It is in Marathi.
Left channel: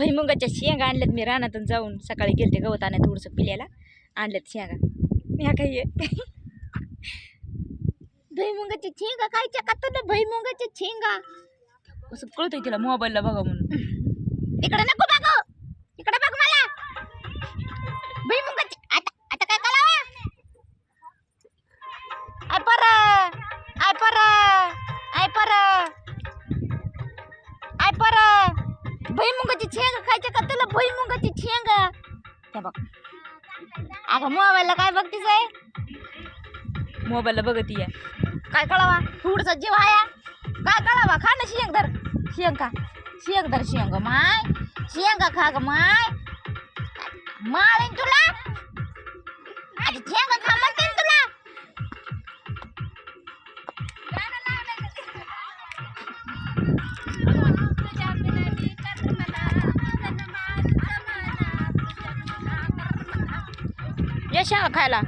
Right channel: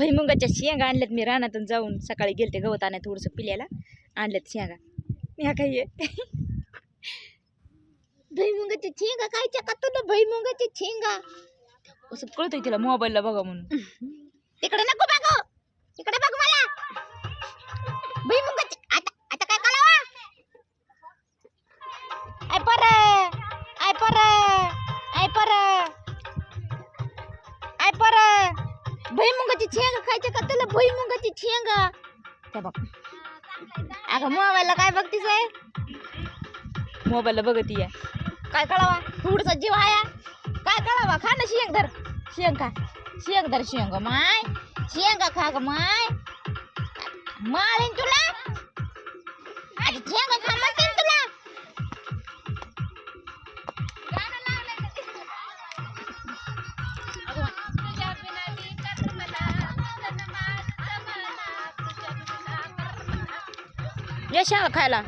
भुईमुगाच्या शेंगा आणल्यात मी रानातून जाऊन. सकाळी गेलते गवत आणत थोडंसं पिल्याला, आणल्यात शेंगा. मी हा काही भुईमुगाची शेंगा खायच्या का तुला? भुईमुगाची शेंगा असं कळतंय तिला मोबाईलला बघा म्हणून. तिकडे नको बघू, इकडे बघ मला. भुईमुगाची आता आता काय करावा? आय पर आय पर आय पर आय पर भुईमुगाची शेंगा खायच्या का तुला? भुईमुगाची शेंगा त्या बघ. अगं मोबाईलला काय बघतीस आहे? मोबाईलला बघती आहे. काय कळावा? थोडसा जीव आया काय कळावा? खा ना शेंग धर, शेंग खा, शेंग धर, शेंग माय, शेंगा खा ग माय. माळीन तुला आता, शेंगा खा म्हणते तुला. या शेंगा खायला.